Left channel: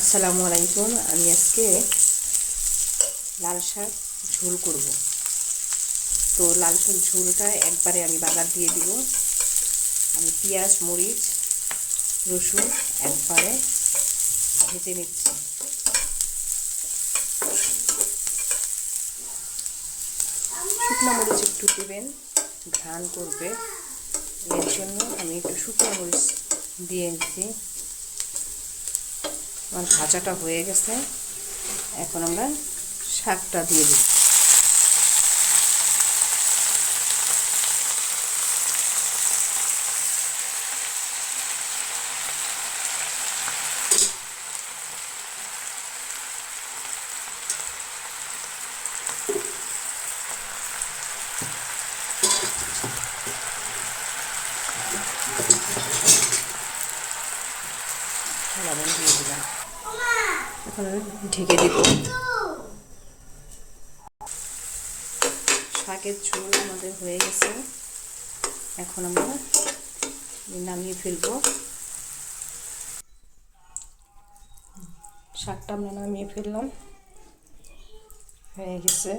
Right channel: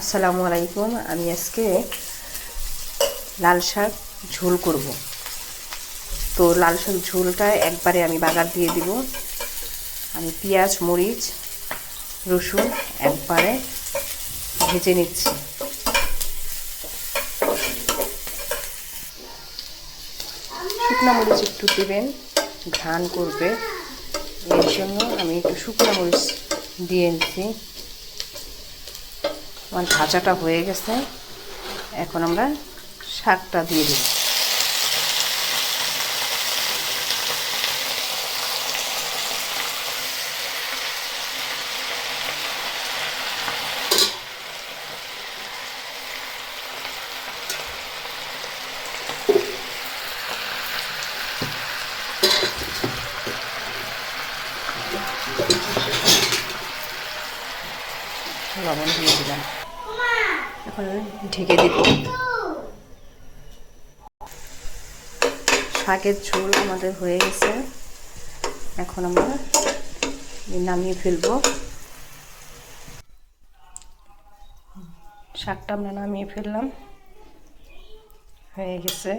আসসালামু আলাইকুম। আমি আজকে লাল শাক ঝোল করব। তো লাল শাক ঝোলটা একবারে আমি বাগার দিয়ে দিব। আমি পেঁয়াজ, মরিচ, রসুন একবারে ভেজে নিচ্ছি। শুকনো মরিচ একটু দেবেন, ঘ্রাণ করবে, এর জন্য আমি একটু শুকনো মরিচ দিয়ে নিচ্ছি। আমার ভাজাটা হয়ে গেছে, এখন আমরা শাকটা দিয়ে দিই। লবণ দিয়ে দিলাম, এখন ঢেকে দিব। শাকের ঝোল আমাদের হয়ে গেছে, এখন আমরা নামিয়ে ফেলব। শাকটা আমরা নামিয়ে ফেললাম, হয়ে গেছে।